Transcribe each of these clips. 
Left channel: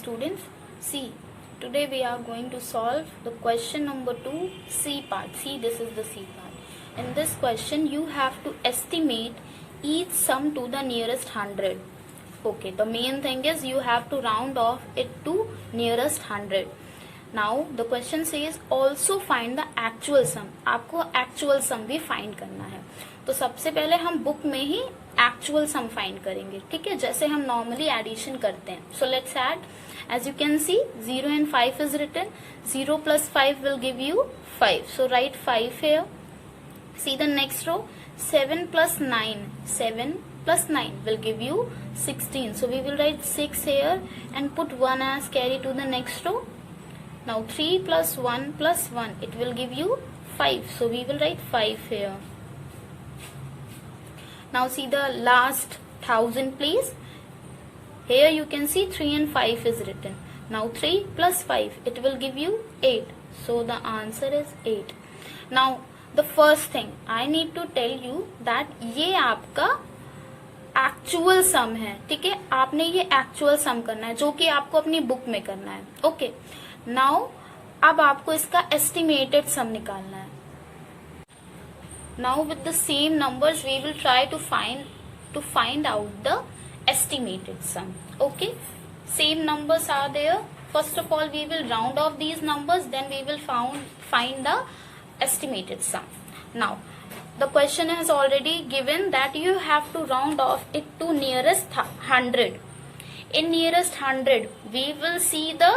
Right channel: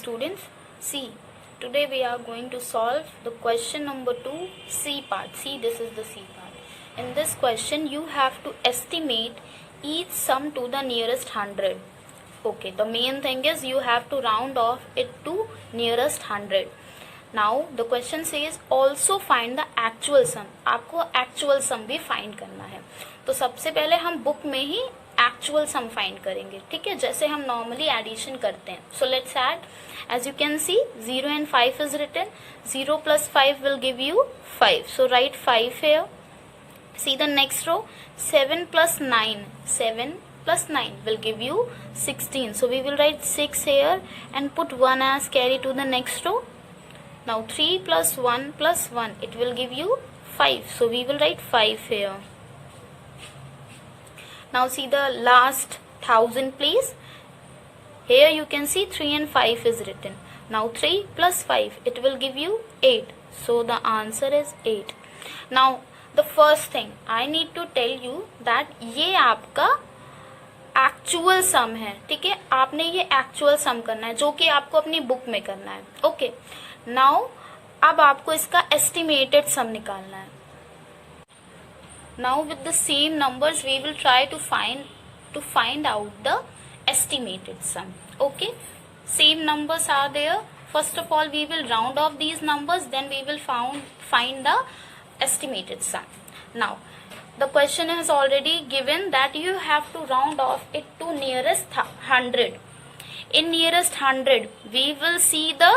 students. See, today we are going to solve the question number 2, C part. See, this is the C part. In this question, you have to estimate each sum to the nearest 100. Okay, the main thing is you have to round off it to nearest 100. Now the question says also find the actual sum. आपको actual sum भी find करना है. तो सबसे पहले हम book में ही actual sum find करेंगे, ठीक है, जैसे हम नॉर्मली एडिशन करते हैं. So let's add. As you can see 0 and 5 is written. 0 plus 5 will give you 5. So write 5 here. See the next row. 7 plus 9. 7 plus 9 will give you 16. So we will write 6 here and put 1 as carry to the next row. Now 3 plus 1 plus 1. It will give you 5. So we will write 5 here. Now see the last 1000 please. Here you can see 3 and 5 is written. Now 3 plus 5, it will give you 8. So the answer is 8. Now the first thing I need to tell you that ये आपका actual सम है, ठीक है. आपने ये actual सम करना है जो कि आपको अपनी बुक में करना है. ओके, नाउ अब आपको इसका एस्टिमेटेड सम निकालना है. Now with the same numbers we will try to find out the estimated sum. Okay, same numbers are there. First of all we will round off these numbers, then we will find the estimated sum. Now the question has already given that you have to round off it to nearest 100. In nearest 100 we will see the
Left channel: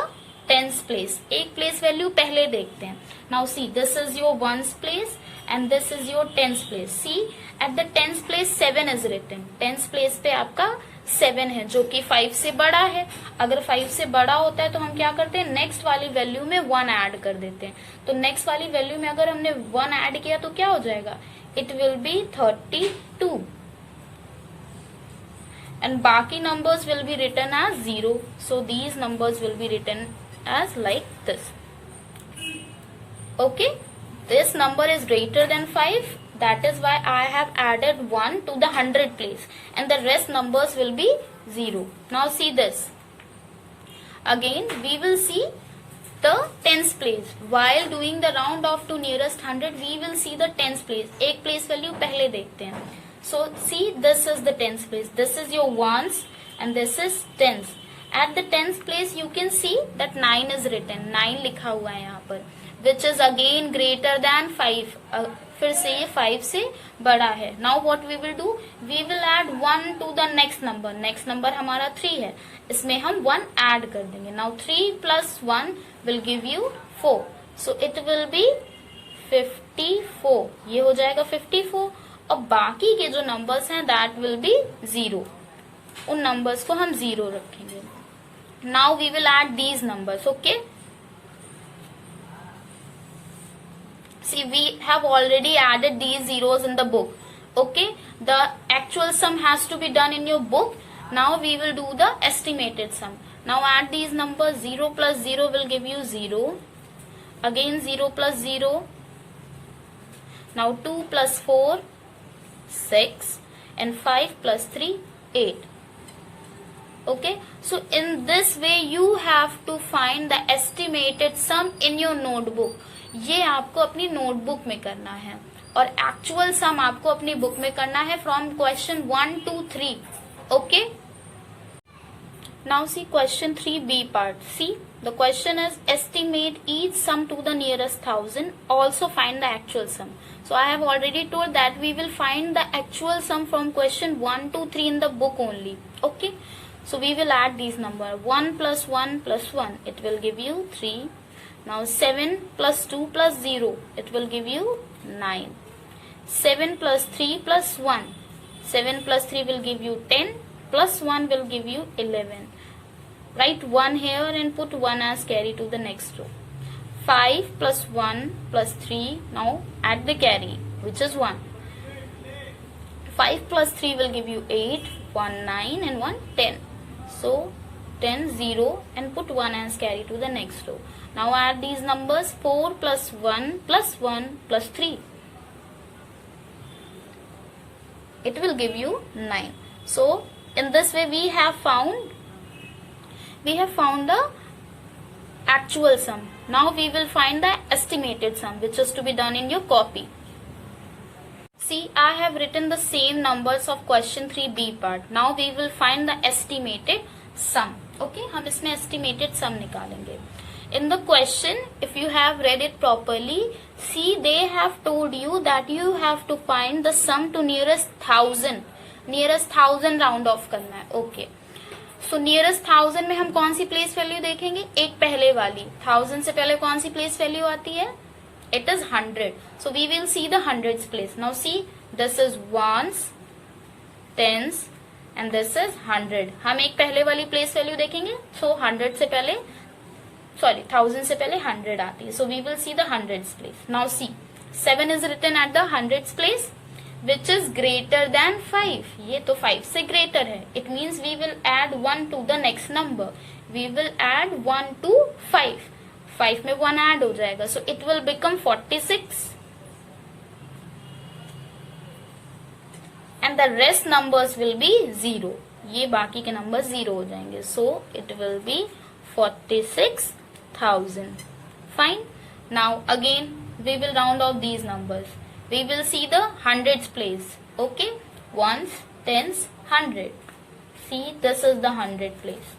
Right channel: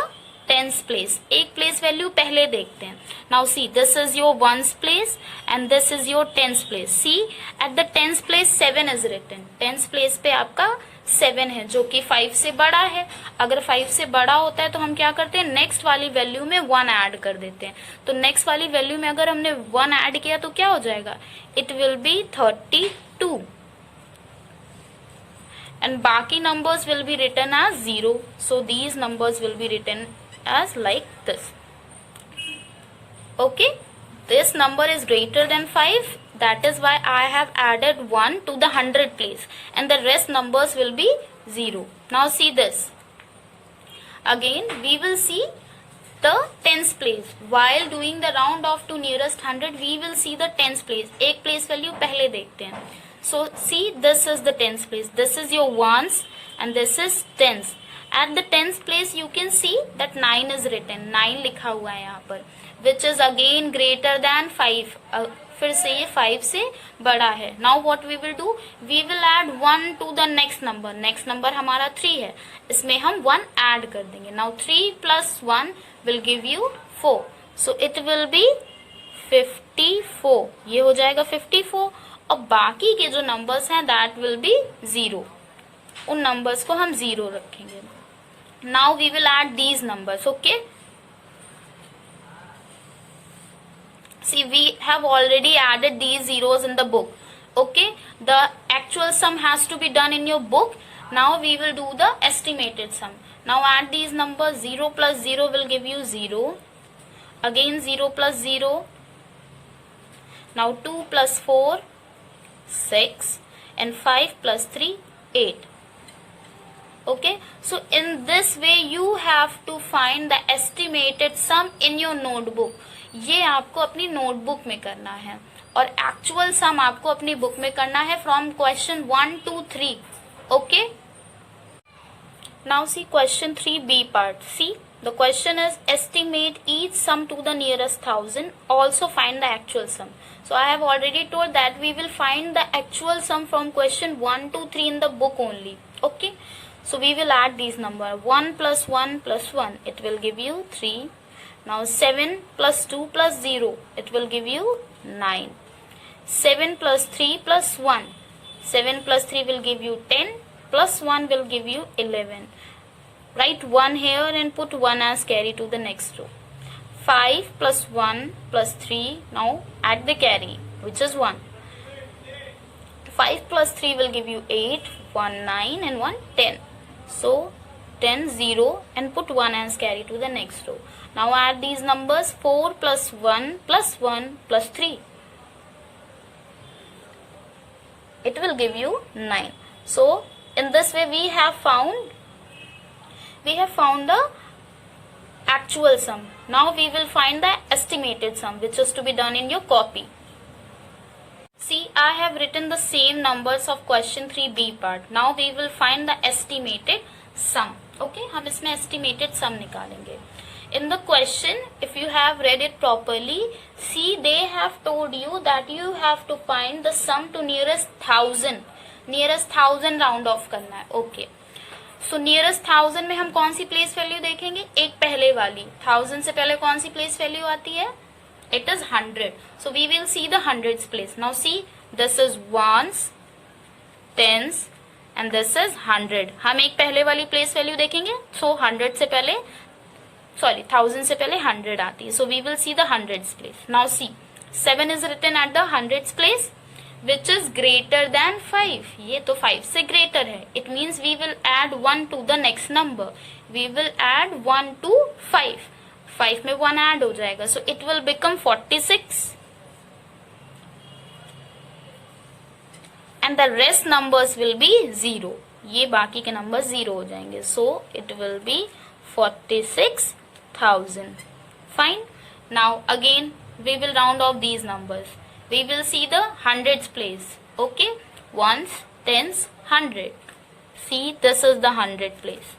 tens place. एक place value पहले देखते हैं. Now see, this is your ones place and this is your tens place. See, at the tens place 7 is written. tens place पे आपका 7 है जो कि 5 से बड़ा है. अगर 5 से बड़ा होता है तो हम क्या करते हैं, नेक्स्ट वाली वैल्यू में 1 ऐड कर देते हैं. तो नेक्स्ट वाली वैल्यू में अगर हमने 1 ऐड किया तो क्या हो जाएगा, इट विल बी 32 and बाकी numbers will be written as 0. So these numbers will be written as like this. Okay, this number is greater than 5. That is why I have added 1 to the 100 place and the rest numbers will be 0. Now see this. Again we will see the tens place. While doing the round off to nearest 100 we will see the tens place. एक place value पहले देखते हैं. So see, this is the tens place. This is your ones and this is tens. At the tens place you can see that 9 is written. 9 लिखा हुआ है यहाँ पर, which is again greater than 5. फिर से ये 5 से बड़ा है. Now what we will do? We will add 1 to the next number. Next number हमारा 3 है, इसमें हम 1 add कर देंगे. Now 3 plus 1 will give you 4. So it will be 54. ये हो जाएगा 54 और बाकी के जो नंबर्स हैं that will be 0. उन नंबर्स को हम 0 रखेंगे. Now we will add these numbers. Okay, see we have already added these zeros in the book. Okay, the actual sum has to be done in your book. Now we will do the estimated sum. Now add these numbers. 0 plus 0 will give you 0. Again 0 plus 0. Now 2 plus 4 6 and 5 plus 3 8. Okay, so in this way you have to find the estimated sum in your notebook. ये आपको अपनी notebook में करना है और actual सम आपको अपनी book में करना है from question 1 to 3. Okay, now see question 3b part. See, the question is estimate each sum to the nearest 1000. Also find the actual sum. So I have already told that we will find the actual sum from question 1 to 3 in the book only. Okay, so we will add these numbers. 1 plus 1 plus 1, it will give you 3. Now 7 plus 2 plus 0, it will give you 9. 7 plus 3 plus 1, 7 plus 3 will give you 10, plus 1 will give you 11. Write 1 here and put 1 as carry to the next row. 5 plus 1 plus 3, now add the carry, which is 1. 5 plus 3 will give you 8, 1 9 and 1 10. So 10 0 and put 1 as carry to the next row. Now add these numbers. 4 plus 1 plus 1 plus 3. It will give you 9. So in this way we have found we have found the actual sum. Now we will find the estimated sum, which is to be done in your copy. See, I have written the same numbers of question 3B part. Now we will find the estimated sum. Okay, हम इसमें estimated sum निकालेंगे. In the question, if you have read it properly, see, they have told you that you have to find the sum to nearest 1000. Nearest 1000 round off करना है. Okay. So nearest 1000 में हम कौन सी place value देखेंगे? एक पहले वाली. 1000 से पहले कौन सी प्लेस वैल्यू आती है? It is 100. So we will see the hundreds place. Now see, this is ones, tens, and this is 100. हम एक पहले वाली प्लेस वैल्यू देखेंगे. So 100 से पहले, sorry, 1000 से पहले 100 आती है. So we will see the hundreds place. Now see, 7 is written at the hundreds place, which is greater than 5. ये तो 5 से greater है. It means we will add 1 to the next number. We will add 1 to 5. 5 में 1 add हो जाएगा. So it will become 46. And the rest numbers will be 0. ये बाकी के numbers 0 हो जाएंगे. So it will be 46,000. Fine. Now again we will round off these numbers. We will see the hundreds place. Okay. Ones, tens, 100. See, this is the 100 place.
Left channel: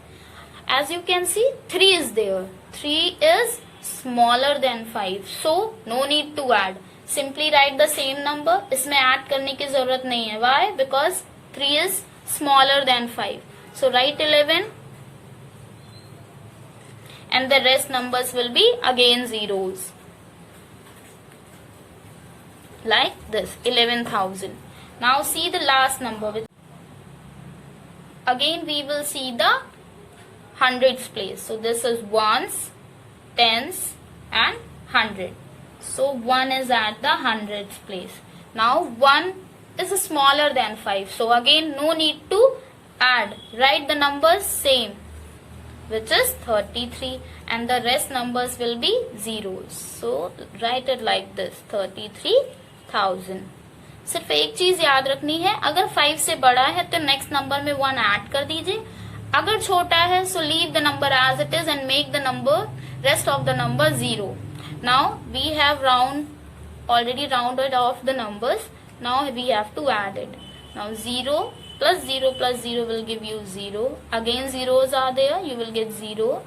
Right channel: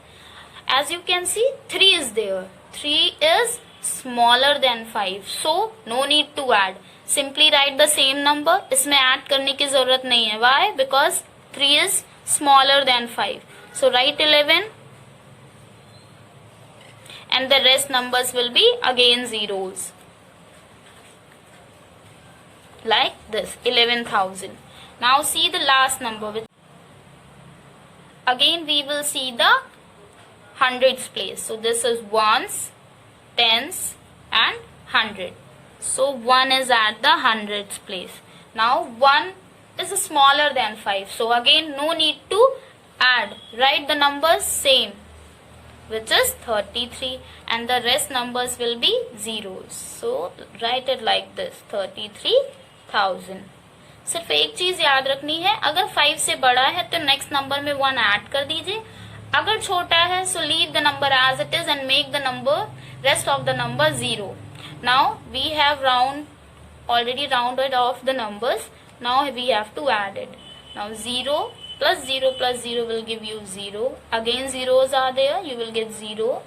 As you can see, 3 is there. 3 is smaller than 5. So no need to add. Simply write the same number. इसमें add करने की जरूरत नहीं है. Why? Because 3 is smaller than 5. So write 11. And the rest numbers will be again zeros. Like this, 11,000. Now see the last number. Again we will see the hundreds place. So this is ones, tens, and 100. So 1 is at the hundreds place. Now 1 is smaller than 5. So again no need to add. Write the numbers same, which is 33, and the rest numbers will be zeros. So write it like this, 33,000. सिर्फ एक चीज याद रखनी है, अगर 5 से बड़ा है तो नेक्स्ट नंबर में 1 ऐड कर दीजिए. अगर छोटा है so leave the number as it is and make the number rest of the number 0. Now we have already rounded off the numbers. Now we have to add it. Now 0 plus 0 plus 0 will give you 0. Again zeros are there, you will get 0.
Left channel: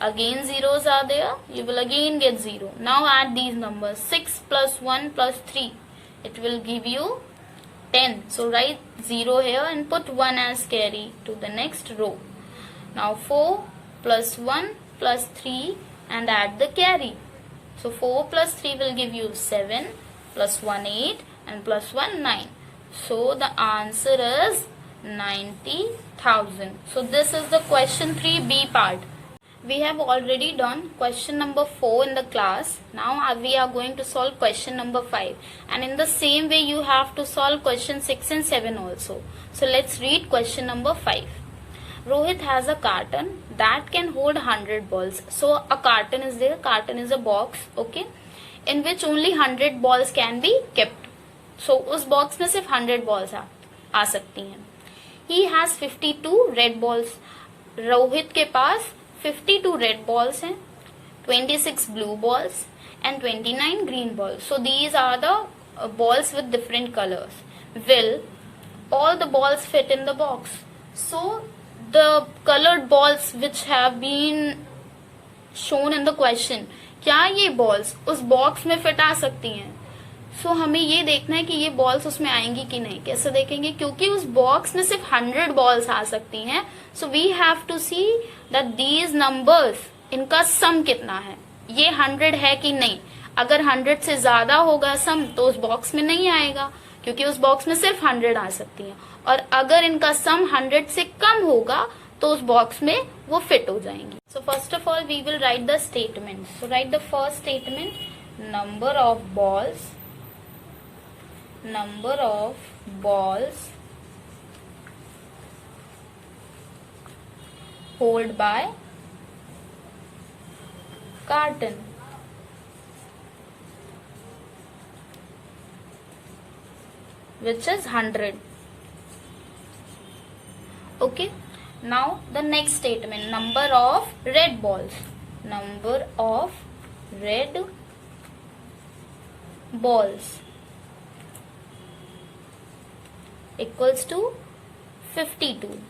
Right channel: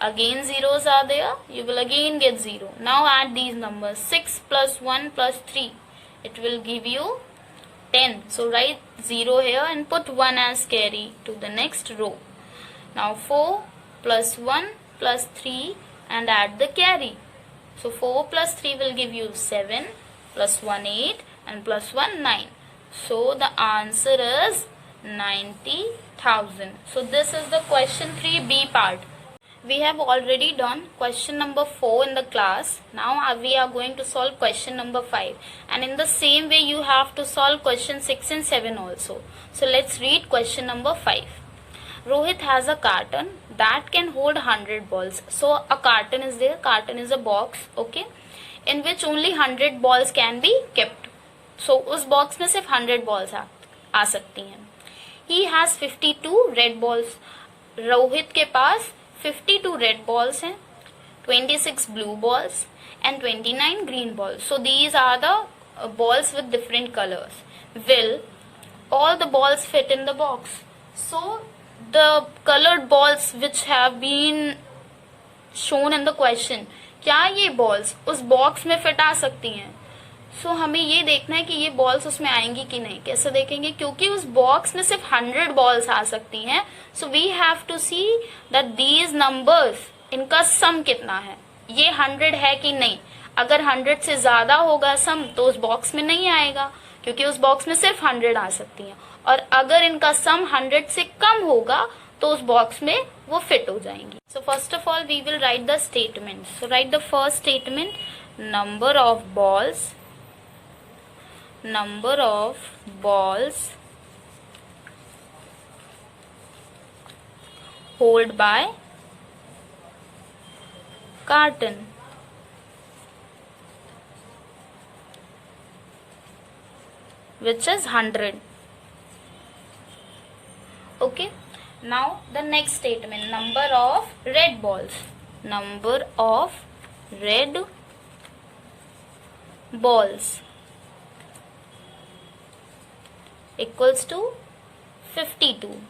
Again zeros are there, you will again get 0. Now add these numbers. 6 plus 1 plus 3. It will give you 10. So write 0 here and put 1 as carry to the next row. Now 4 plus 1 plus 3 and add the carry. So 4 plus 3 will give you 7, plus 1 8, and plus 1 9. So the answer is 90,000. So this is the question 3B part. We have already done question number 4 in the class. Now we are going to solve question number 5. And in the same way you have to solve question 6 and 7 also. So let's read question number 5. Rohit has a carton that can hold 100 balls. So a carton is there. Carton is a box, okay, in which only 100 balls can be kept. So उस box में सिर्फ 100 balls आ सकती हैं. He has 52 red balls. Rohit के पास 52 red balls हैं, 26 blue balls, and 29 green balls. So these are the balls with different colors. Will all the balls fit in the box? So the colored balls which have been shown in the question, क्या ये balls उस box में fit आ सकती हैं? So हमें ये देखना है कि ये balls उसमें आएंगी कि नहीं. कैसे देखेंगे? क्योंकि उस box में सिर्फ 100 balls आ सकती हैं. So we have to see that these numbers, इनका sum कितना है, ये 100 है कि नहीं. अगर 100 से ज्यादा होगा sum तो उस box में नहीं आएगा, क्योंकि उस box में सिर्फ 100 आ सकती हैं. और अगर इनका sum 100 से कम होगा तो उस box में वो fit हो जाएंगी. So first of all we will write the statement. So write the first statement, number of balls hold by carton. Which is 100. Okay. Now the next statement, number of red balls. Number of red balls equals to 52.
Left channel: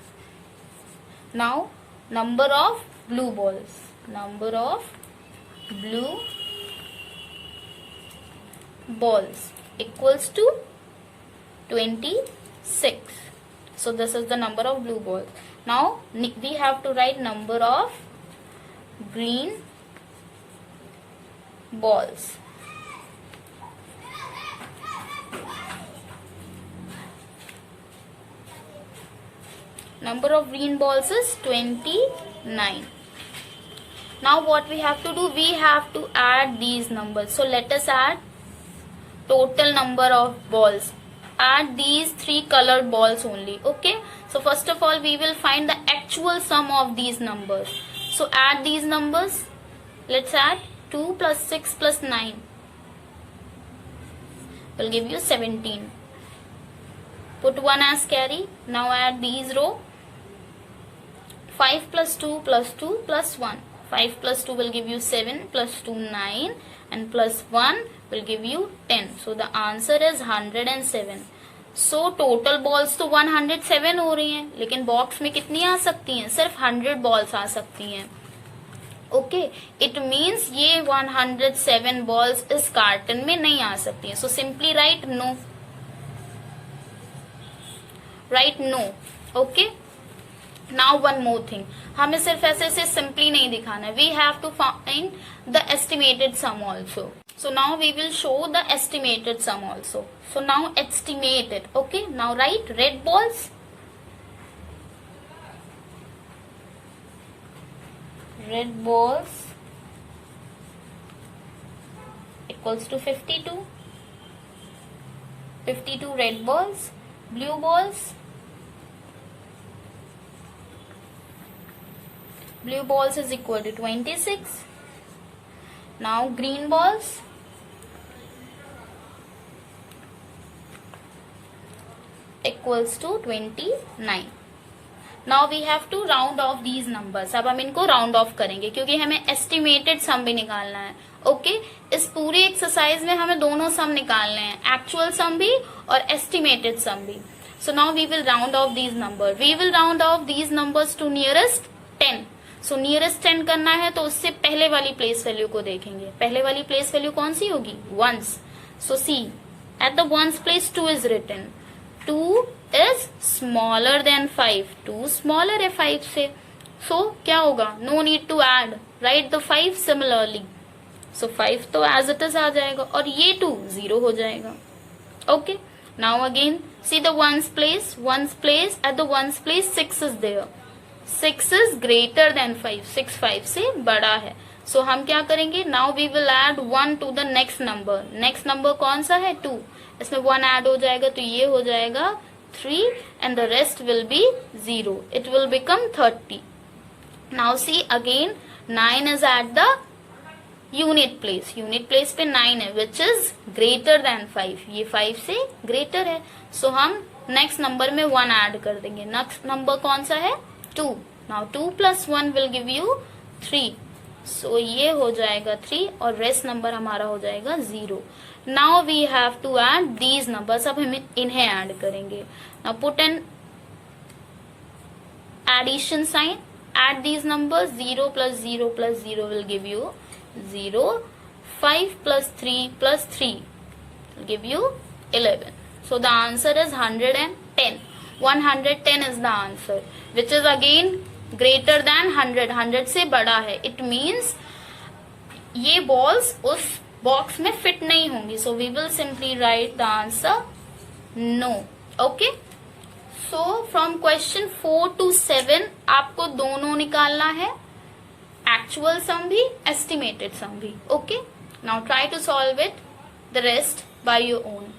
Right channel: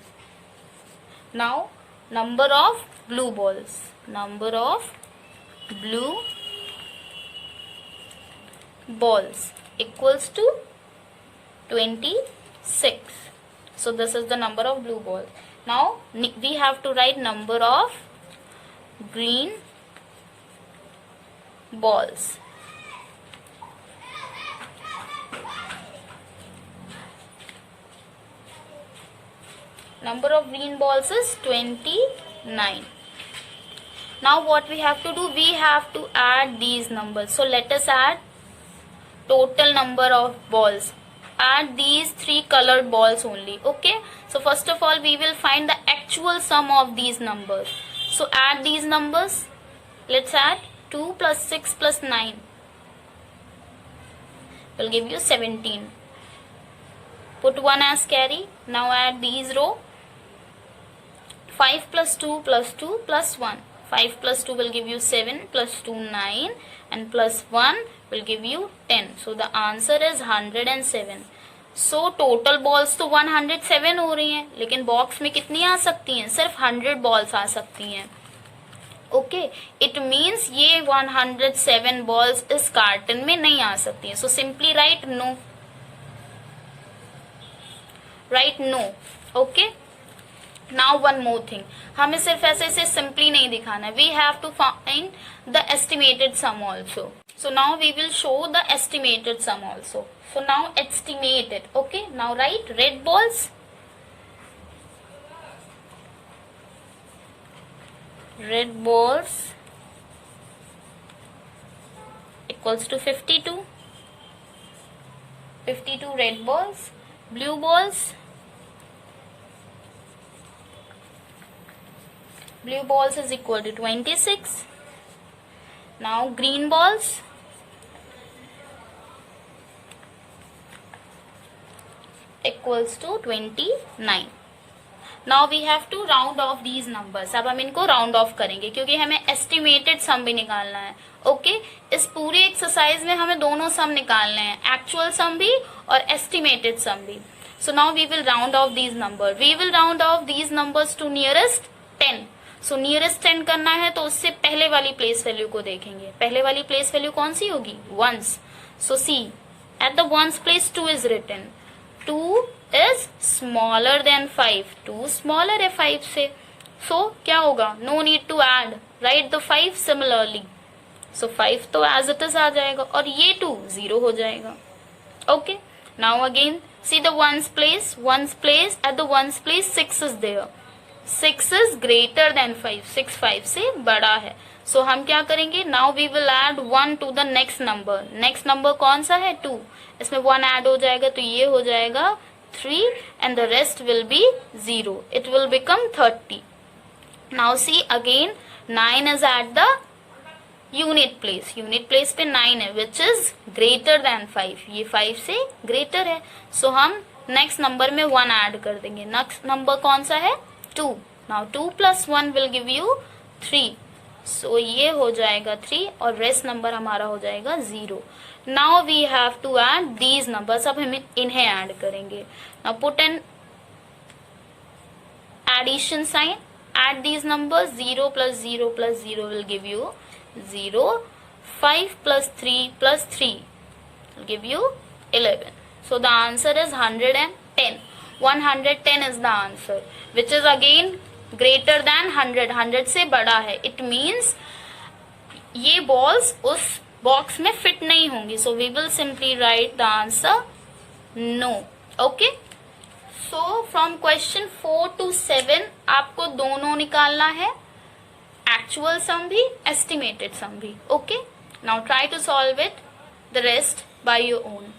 Now number of blue balls. Number of blue balls equals to 26. So this is the number of blue balls. Now we have to write number of green balls. Number of green balls is 29. Now what we have to do? We have to add these numbers. So let us add total number of balls. Add these 3 colored balls only. Okay. So first of all we will find the actual sum of these numbers. So add these numbers. Let's add 2 plus 6 plus 9 will give you 17. Put 1 as carry. Now add these row. 5 plus 2 plus 2 plus 1. 5 plus 2 will give you 7 plus 2 9 and plus 1 will give you 10. So the answer is 107. So total balls तो 107 हो रही हैं, लेकिन box में कितनी आ सकती हैं? सिर्फ 100 बॉल्स आ सकती हैं. ओके, इट मीन्स ये 107 बॉल्स इस कार्टन में नहीं आ सकती हैं. So simply write no. Write no. Okay. Now one more thing, हमें सिर्फ ऐसे सिंपली नहीं दिखाना है. We have to find the estimated sum also. So now we will show the estimated sum also. So now estimate it. Okay. Now write red balls. Red balls equals to 52. 52 red balls. Blue balls. Blue balls is equal to 26. Now green balls. Equals to 29. Now we have to round off these numbers. अब हम इनको round of करेंगे क्योंकि हमें estimated sum भी निकालना है. Okay. इस पूरी एक्सरसाइज में हमें दोनों सम निकालने हैं, एक्चुअल सम भी और एस्टिमेटेड सम भी. So now we will round off these number. We will round off these numbers to nearest 10. So nearest 10 करना है तो उससे पहले वाली प्लेस वैल्यू को देखेंगे. पहले वाली प्लेस वैल्यू कौन सी होगी? Ones. So see at the ones place 2 is written. 2 is smaller than 5. 2 smaller है 5 से. So क्या होगा? No need to add. Write the 5 similarly. So 5 तो as it is आ जाएगा और ये 2 0 हो जाएगा. Okay. Now again see the ones place. Ones place at the ones place 6 is there. 6 is greater than 5. 6 5 से बड़ा है. So हम क्या करेंगे? Now we will add 1 to the next number. Next number कौन सा है? 2. इसमें 1 ऐड हो जाएगा तो ये हो जाएगा 3 and the rest will be 0. It will become 30. Now see again 9 is at the unit place. Unit place पे 9 है which is greater than 5. ये 5 से greater है. So हम next number में 1 ऐड कर देंगे. Next number कौन सा है? 2. Now 2 plus 1 will give you 3. So ये हो जाएगा 3 और rest number हमारा हो जाएगा 0. Now we have to add these numbers. अब हम इन्हें ऐड करेंगे. Now put an addition sign. Add these numbers. 0 plus 0 plus 0 will give you 0. 5 plus 3 plus 3 will give you 11. So the answer is 110. 110 is the answer, which is again greater than 100. 100 से बड़ा है. It means ये balls उस box में fit नहीं होंगी. So we will simply write the answer no. Okay. So from question 4 to 7 आपको दोनों निकालना है, एक्चुअल सम भी एस्टिमेटेड सम भी. Okay. Now try to solve it the rest by your own.